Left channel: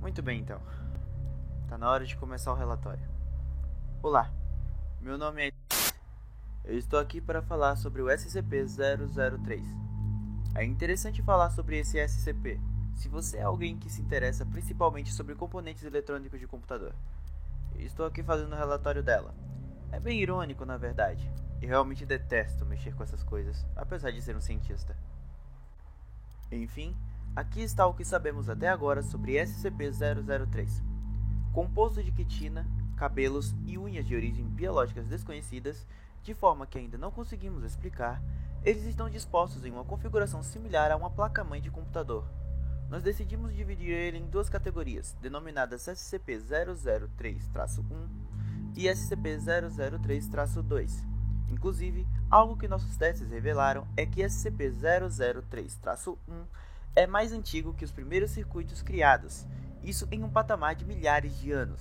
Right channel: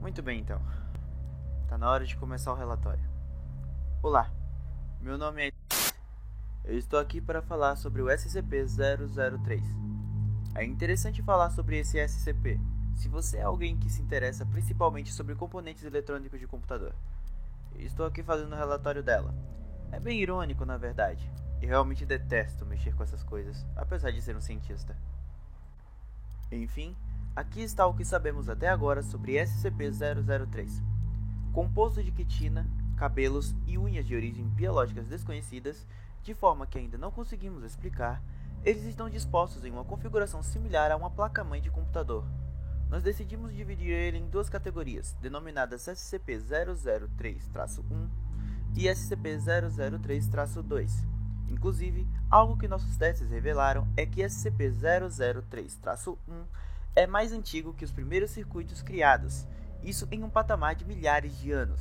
Muito bem, então. Tá na hora de começar o relatório. Olá, meu nome é... Eu estou aqui para falar sobre o SCP-003. É interessante falar sobre esse SCP, se você é alguém que se interessa principalmente sobre componentes eletrônicos de computador. Estou aqui fazendo o relatório dela. É bem irônico, na verdade. E realmente detesto mexer com essas coisas, apesar de ser um cientista. Enfim, aqui está o que sabemos até agora sobre SCP-003. Composto de quitina, cabelos e unhas de origem biológicas desconhecidas, de forma que ainda não conseguimos explicar, eles estão dispostos em uma configuração similar a uma placa-mãe de computador. Nós decidimos dividir ele em duas categorias, denominadas SCP-003-1 e SCP-003-2. Inclusive, algo que nossos testes revelaram é que SCP-003-1 é mais antigo que os primeiros circuitos criados, isso em um patamar de milhares de anos.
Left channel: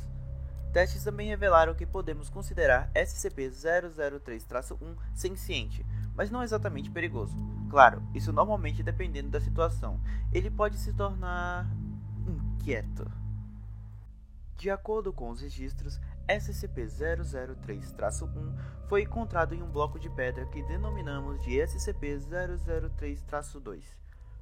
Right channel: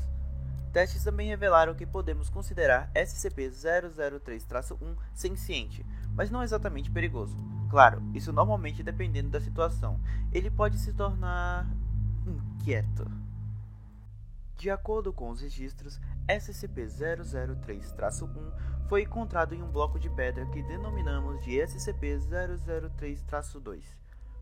Testes também revelaram que podemos considerar SCP-003-1 senciente, mas não exatamente perigoso. Claro, isso normalmente dependendo da situação. Ele pode se tornar inquieto. De acordo com os registros, SCP-003-1 foi encontrado em um bloco de pedra que denominamos de SCP-003-2,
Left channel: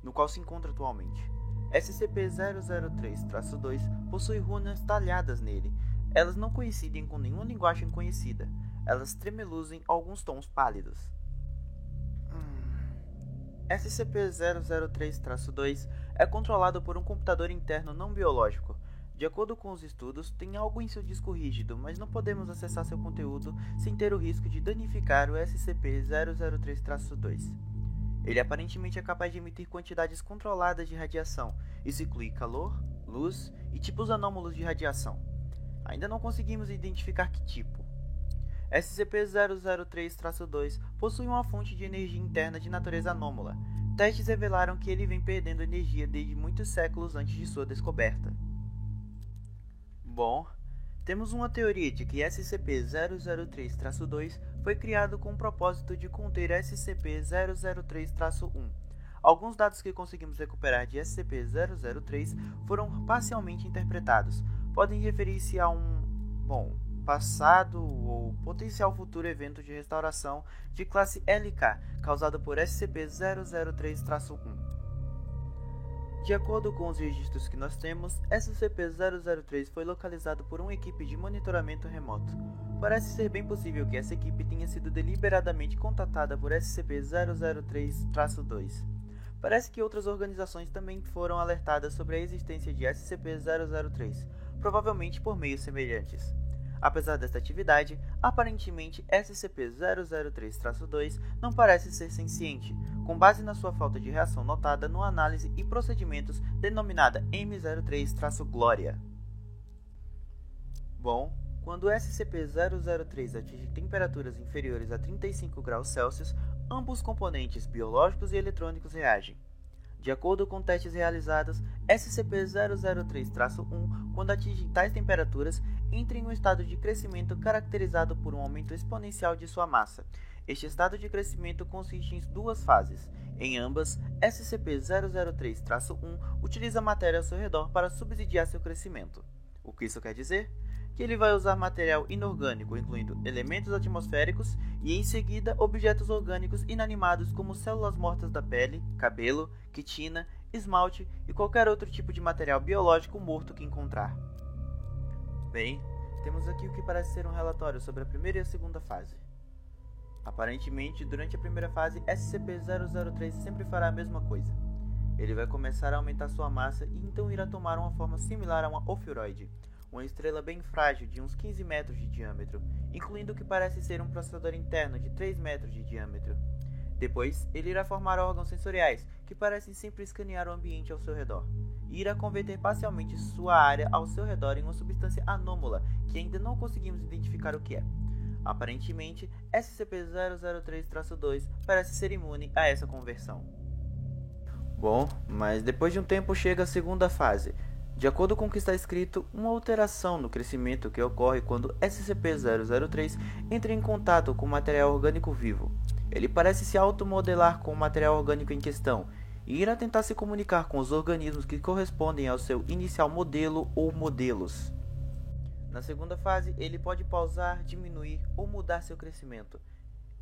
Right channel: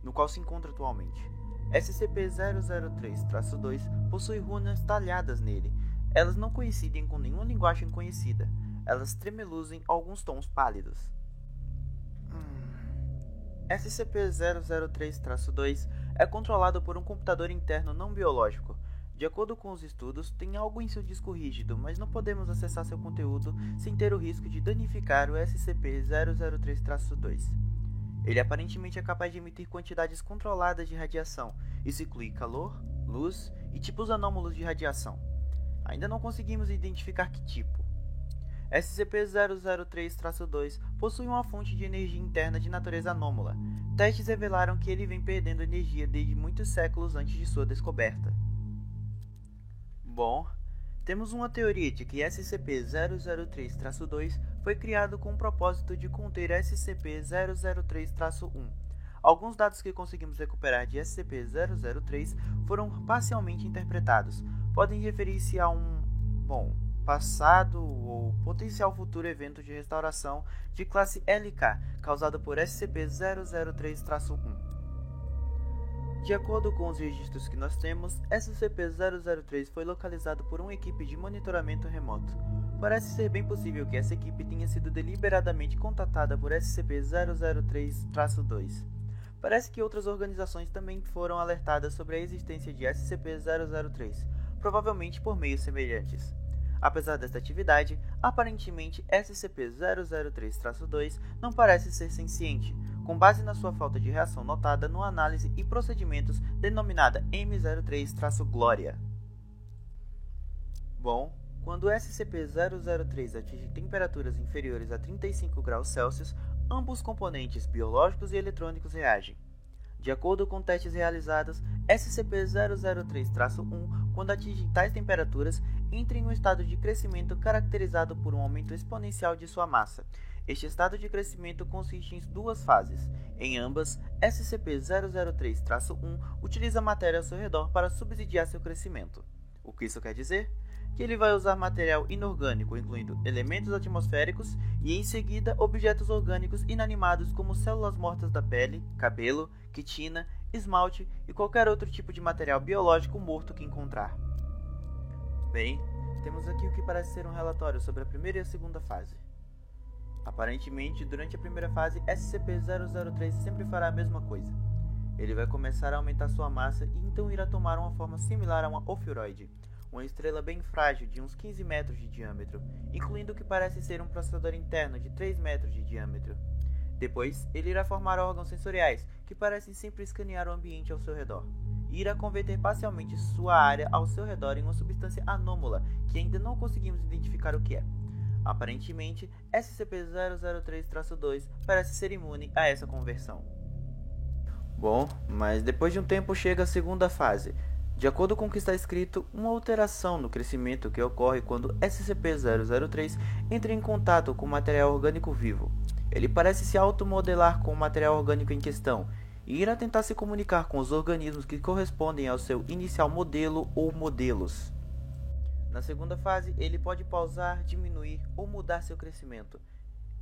no qual se encontra atualmente. SCP-003-2 possui runas talhadas nele. Elas não coincidem com nenhuma linguagem conhecida. Elas tremeluzem alguns tons pálidos. SCP-003-2 é controlado por um computador interno não biológico. De acordo com os estudos, tem algo em seu disco rígido, mas não podemos acessar seu conteúdo sem ter o risco de danificar o SCP-003-2. Ele aparentemente é capaz de emitir quantidades controladas de radiação. Isso inclui calor, luz e tipos anômalos de radiação. Ainda não conseguimos identificar que tipo. SCP-003-2 possui uma fonte de energia interna de natureza anômala. Testes revelaram que ele vem perdendo energia desde muitos séculos antes de sua descoberta. Bom, temos uma teoria de que SCP-003-2 foi criado com o propósito de conter SCP-003-1. Alguns dados que conseguimos recuperar de SCP-003 foram parcialmente interpretados. Podem referir-se a passado ou potencial futuro evento de restauração de classe LK causado por SCP-003-1. De acordo com os registros que nós temos, SCP-003 foi localizado por uma equipe de monitoramento remoto. Parece ser bem possível que essa equipe tenha sido deliberadamente contatada por SCP-003-2. Parece que outras organizações também foram alertadas sobre a existência de SCP-003, provavelmente por meios semelhantes. Apesar desta atividade, aparentemente SCP-003-2 não parece ser senciente, com base na sua falta de reação notada no análise e procedimentos denominada M03-Glória. Bom, quando o SCP-003 atinge temperaturas inferiores a 35 graus Celsius, ambos componentes biológicos e eletrônicos reagem. De acordo com testes realizados, SCP-003-1, quando atinge tais temperaturas, entra em um estado de crescimento caracterizado por um aumento exponencial de sua massa. Este estado de crescimento consiste em duas fases. Em ambas, SCP-003-1 utiliza a matéria ao seu redor para subsidiar seu crescimento. O que isso quer dizer? Que ele vai usar material inorgânico, incluindo elementos atmosféricos, e em seguida objetos orgânicos inanimados como células mortas da pele, cabelo, quitina, esmalte e qualquer outro tipo de material biológico morto que encontrar. Bem, temos aqui o que parece ser um relatório sobre a primeira e a segunda fase. Aparentemente, durante a primeira fase, SCP-003 sempre fará a mesma coisa. Ele vai começar a aumentar sua massa e então irá tomar uma forma similar a uma ofiuroide, uma estrela bem frágil de uns 15 metros de diâmetro, incluindo o que parece ser um processador interno de 3 metros de diâmetro. Depois, ele irá formar órgãos sensoriais, que parecem sempre escanear o ambiente ao seu redor, e irá converter parcialmente sua área ao seu redor em uma substância anômala, que ainda não conseguimos identificar o que é. Aparentemente, SCP-003-2 parece ser imune a essa conversão. Bom, mas depois de um tempo chega a segunda fase. De acordo com o que está escrito, uma alteração no crescimento que ocorre quando SCP-003 entra em contato com material orgânico vivo. Ele parece se automodelar com o material orgânico em questão, e irá tentar se comunicar com os organismos que correspondem ao seu inicial modelo ou modelos. Na segunda fase, ele pode pausar, diminuir ou mudar seu crescimento.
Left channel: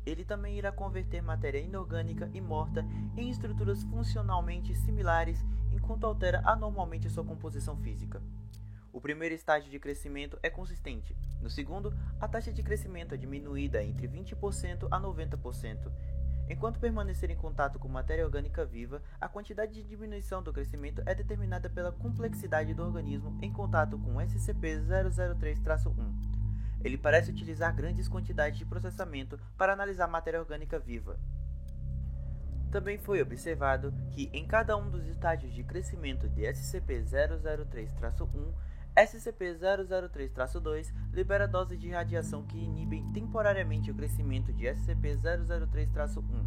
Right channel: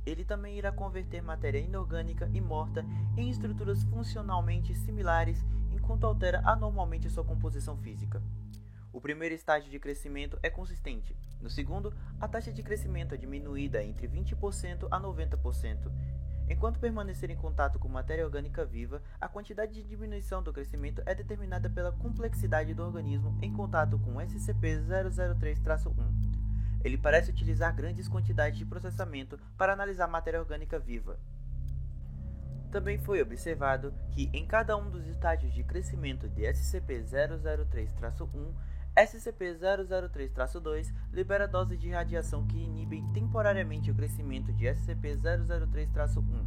Ele também irá converter matéria inorgânica e morta em estruturas funcionalmente similares, enquanto altera anormalmente sua composição física. O primeiro estágio de crescimento é consistente. No segundo, a taxa de crescimento é diminuída entre 20% a 90%. Enquanto permanecer em contato com matéria orgânica viva, a quantidade de diminuição do crescimento é determinada pela complexidade do organismo em contato com SCP-003-1. Ele parece utilizar grandes quantidades de processamento para analisar matéria orgânica viva. Também foi observado que, em cada um dos estágios de crescimento de SCP-003-1, SCP-003-2 libera doses de radiação que inibem temporariamente o crescimento de SCP-003-1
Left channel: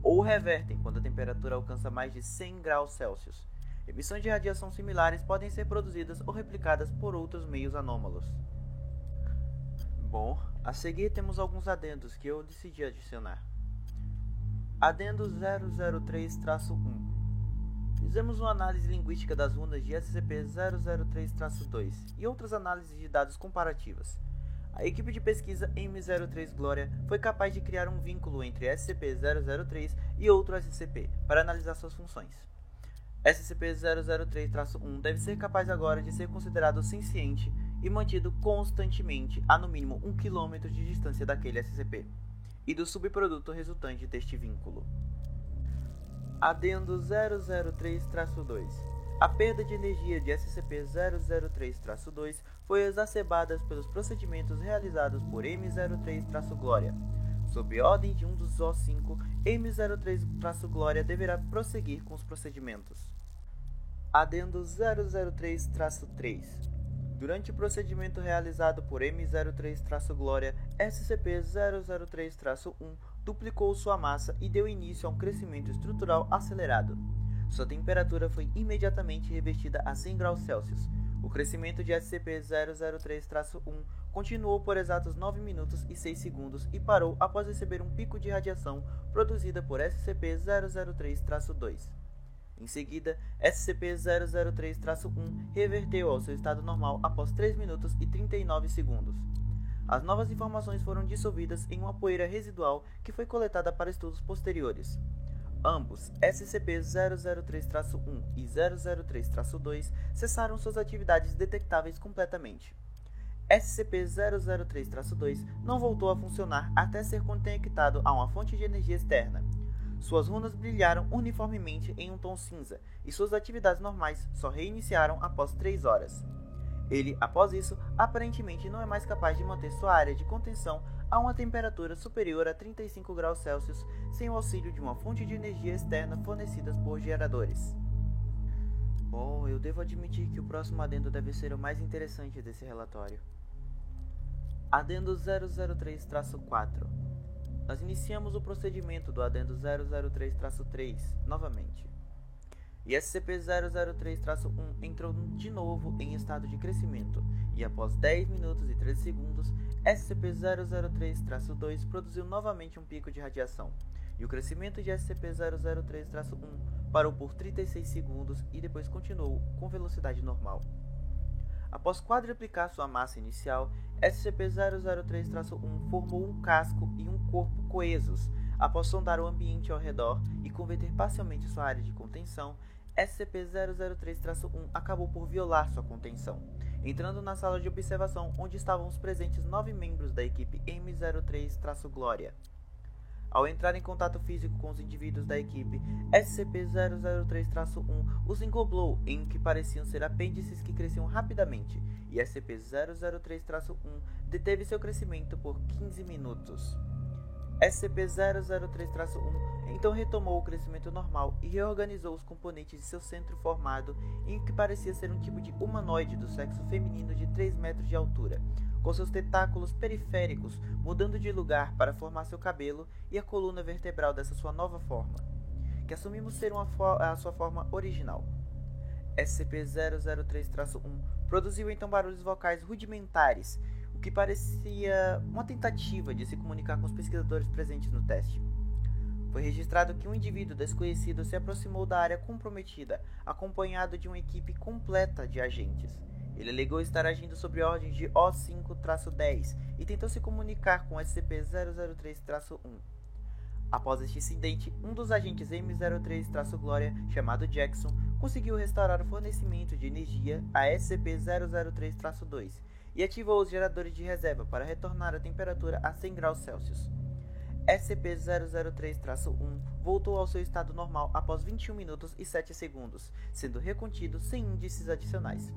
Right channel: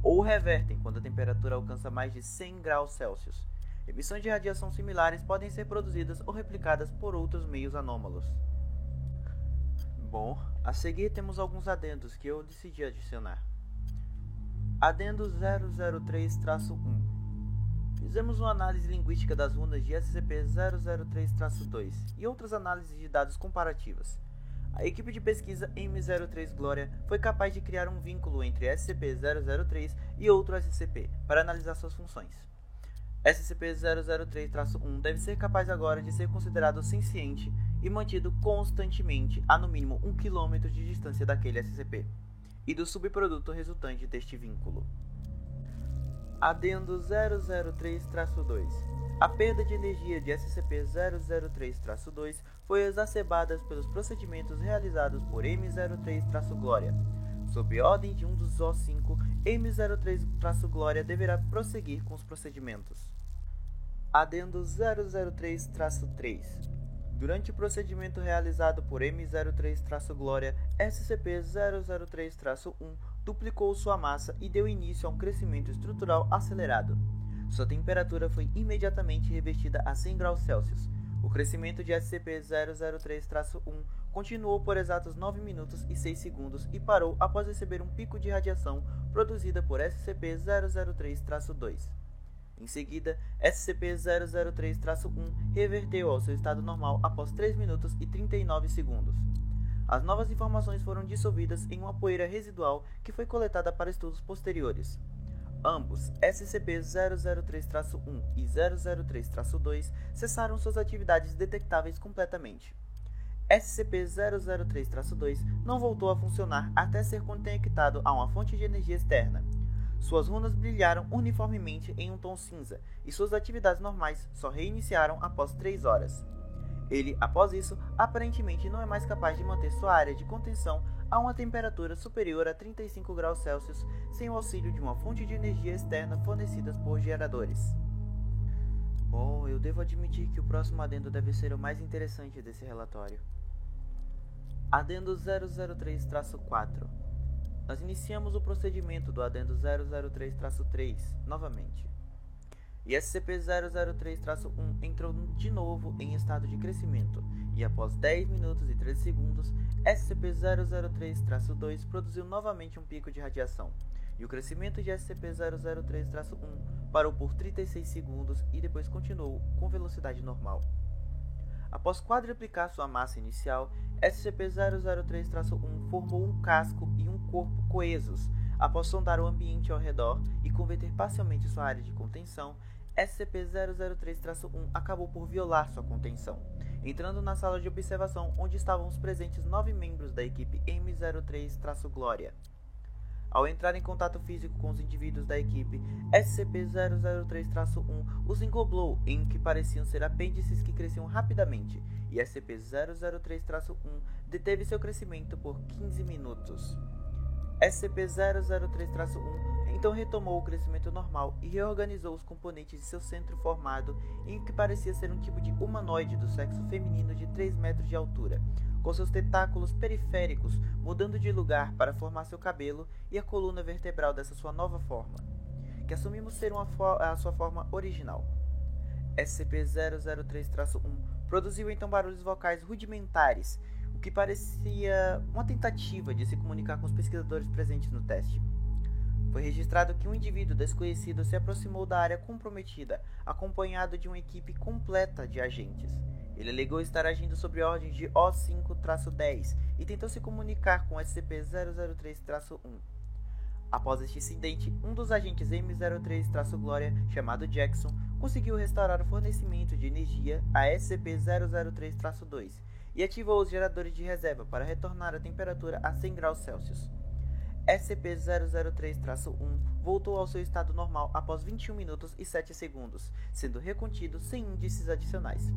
ou revertem quando a temperatura alcança mais de 100 graus Celsius. Emissões de radiação similares podem ser produzidas ou replicadas por outros meios anômalos. Bom, a seguir temos alguns adendos que eu decidi adicionar. Adendo 003-1. Fizemos uma análise linguística das runas de SCP-003-2 e outras análises de dados comparativas. A equipe de pesquisa M03 Glória foi capaz de criar um vínculo entre SCP-003 e outro SCP para analisar suas funções. SCP-003-1 deve ser capaz agora de ser considerado senciente e mantido constantemente a no mínimo 1 km de distância daquele SCP e do subproduto resultante deste vínculo. Adendo 003-2. A perda de energia de SCP-003-2 foi exacerbada pelos procedimentos realizados por M03-Glória. Sob ordem de um dos O5, M03-Glória deverá prosseguir com os procedimentos. Adendo 003-3. Durante o procedimento realizado por M03-Glória, SCP-003-1 duplicou sua massa e deu início a um crescimento estrutural acelerado. Sua temperatura foi imediatamente revestida a 100 graus Celsius. O crescimento de SCP-003-1 continuou por exatos 9 minutos e 6 segundos e parou após receber um pico de radiação produzida por SCP-003-2. Em seguida, SCP-003-1 reverteu ao seu estado normal após 3 minutos e 39 segundos. As novas informações foram dissolvidas em uma poeira residual que foi coletada para estudos posteriores. Ambos, SCP-003-1 e 003-2, cessaram suas atividades detectáveis completamente. SCP-003-2 não voltou a funcionar até ser conectado a uma fonte de energia externa. Suas runas brilharam uniformemente em um tom cinza, e suas atividades normais só reiniciaram após 3 horas. Ele, após isso, aparentemente não é mais capaz de manter sua área de contenção a uma temperatura superior a 35 graus Celsius sem o auxílio de uma fonte de energia externa fornecida por geradores. Bom, eu devo admitir que o próximo adendo deve ser o mais interessante desse relatório. Adendo 003-4. Nós iniciamos o procedimento do Adendo 003-3 novamente. E SCP-003-1 entrou de novo em estado de crescimento, e após 10 minutos e 13 segundos, SCP-003-2 produziu novamente um pico de radiação, e o crescimento de SCP-003-1 parou por 36 segundos e depois continuou com velocidade normal. Após quadruplicar sua massa inicial, SCP-003-1 formou um casco e um corpo coesos. Após sondar o ambiente ao redor e converter parcialmente sua área de contenção, SCP-003-1 acabou por violar sua contenção, entrando na sala de observação onde estavam os presentes 9 membros da equipe M03-Glória. Ao entrar em contato físico com os indivíduos da equipe, SCP-003-1 os englobou em que pareciam ser apêndices que cresciam rapidamente, e SCP-003-1 deteve seu crescimento por 15 minutos. SCP-003-1 então retomou o crescimento normal e reorganizou os componentes de seu centro formado em o que parecia ser um tipo de humanoide do sexo feminino de 3 metros de altura, com seus tentáculos periféricos mudando de lugar para formar seu cabelo e a coluna vertebral dessa sua nova forma, que assumimos ser a sua forma original. SCP-003-1 produziu então barulhos vocais rudimentares, o que parecia uma tentativa de se comunicar com os pesquisadores presentes no teste. Foi registrado que um indivíduo desconhecido se aproximou da área comprometida, acompanhado de uma equipe completa de agentes. Ele alegou estar agindo sob ordens de O5-10 e tentou se comunicar com SCP-003-1. Após este incidente, um dos agentes M03-Glória, chamado Jackson, conseguiu restaurar o fornecimento de energia a SCP-003-2 e ativou os geradores de reserva para retornar a temperatura a 100 graus Celsius. SCP-003-1 voltou ao seu estado normal após 21 minutos e 7 segundos, sendo recontido sem índices adicionais.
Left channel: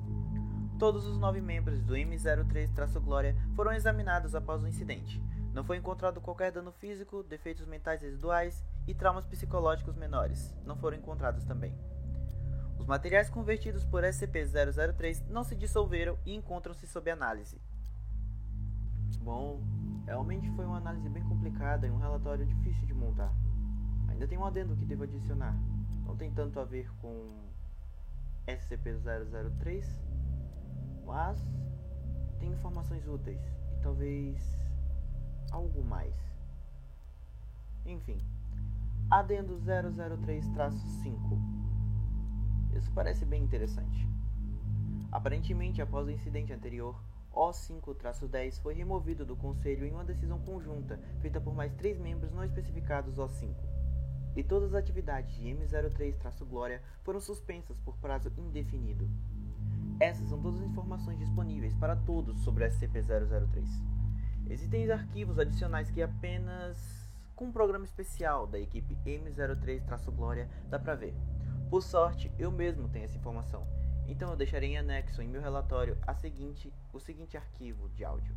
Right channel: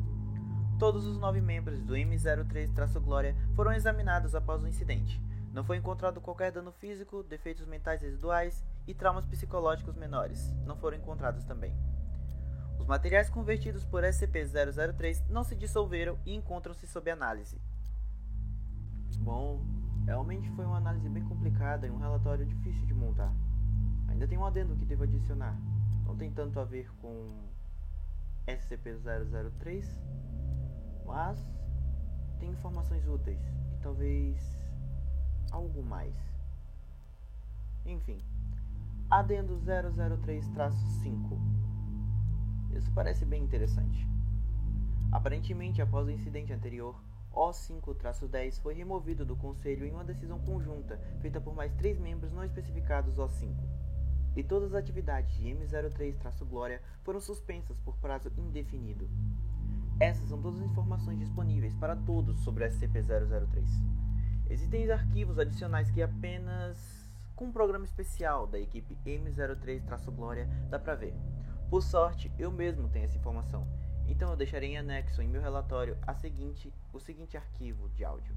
Todos os 9 membros do M03-Glória foram examinados após o incidente. Não foi encontrado qualquer dano físico, defeitos mentais residuais e traumas psicológicos menores. Não foram encontrados também. Os materiais convertidos por SCP-003 não se dissolveram e encontram-se sob análise. Bom, realmente foi uma análise bem complicada e um relatório difícil de montar. Ainda tem um adendo que devo adicionar. Não tem tanto a ver com SCP-003, mas tem informações úteis e talvez algo mais. Enfim, adendo 003-5. Isso parece bem interessante. Aparentemente, após o incidente anterior, O5-10 foi removido do Conselho em uma decisão conjunta feita por mais 3 membros não especificados O5. E todas as atividades de M03-Glória foram suspensas por prazo indefinido. Essas são todas as informações disponíveis para todos sobre SCP-003. Existem arquivos adicionais que apenas com um programa especial da equipe M03-Glória dá pra ver. Por sorte, eu mesmo tenho essa informação, então eu deixarei em anexo em meu relatório o seguinte arquivo de áudio.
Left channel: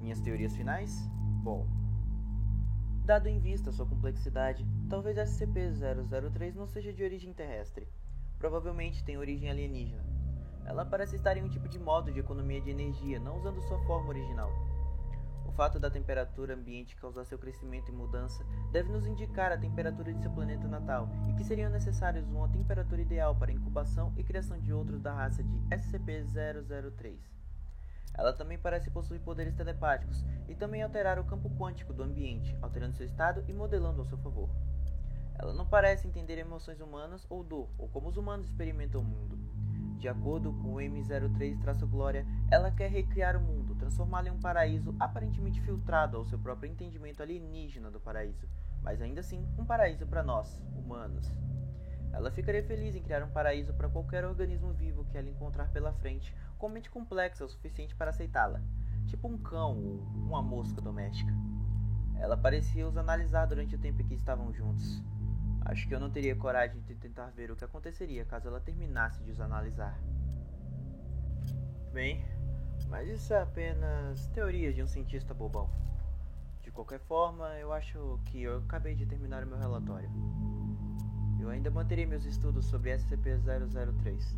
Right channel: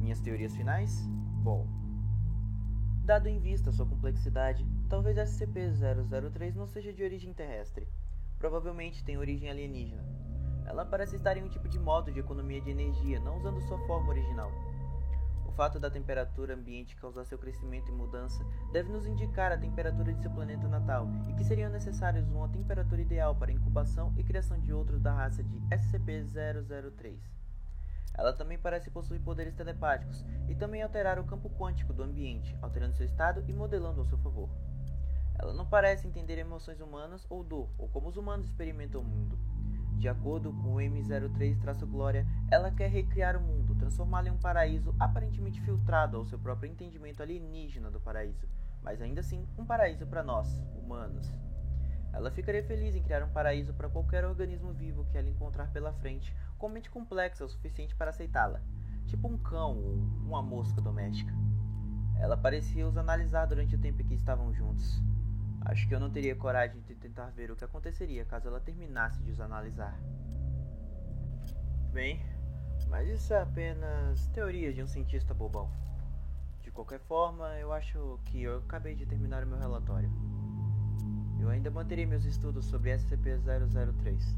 Minhas teorias finais? Bom, dado em vista sua complexidade, talvez SCP-003 não seja de origem terrestre. Provavelmente tem origem alienígena. Ela parece estar em um tipo de modo de economia de energia, não usando sua forma original. O fato da temperatura ambiente causar seu crescimento e mudança deve nos indicar a temperatura de seu planeta natal e que seriam necessários uma temperatura ideal para a incubação e criação de outros da raça de SCP-003. Ela também parece possuir poderes telepáticos e também alterar o campo quântico do ambiente, alterando seu estado e modelando ao seu favor. Ela não parece entender emoções humanas ou dor, ou como os humanos experimentam o mundo. De acordo com o M03-Glória, ela quer recriar o mundo, transformá-lo em um paraíso aparentemente filtrado ao seu próprio entendimento alienígena do paraíso, mas ainda assim um paraíso para nós, humanos. Ela ficaria feliz em criar um paraíso para qualquer organismo vivo que ela encontrar pela frente, com mente complexa o suficiente para aceitá-la, tipo um cão ou uma mosca doméstica. Ela parecia os analisar durante o tempo em que estavam juntos. Acho que eu não teria coragem de tentar ver o que aconteceria caso ela terminasse de os analisar. Bem, mas isso é apenas teorias de um cientista bobão. De qualquer forma, eu acho que eu acabei de terminar o meu relatório. Eu ainda manterei meus estudos sobre SCP-003,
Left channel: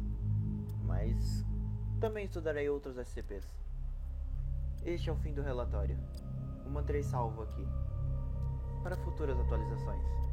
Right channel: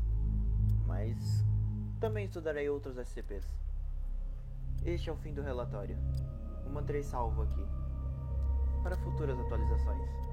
mas também estudarei outros SCPs. Este é o fim do relatório. O manterei salvo aqui, para futuras atualizações.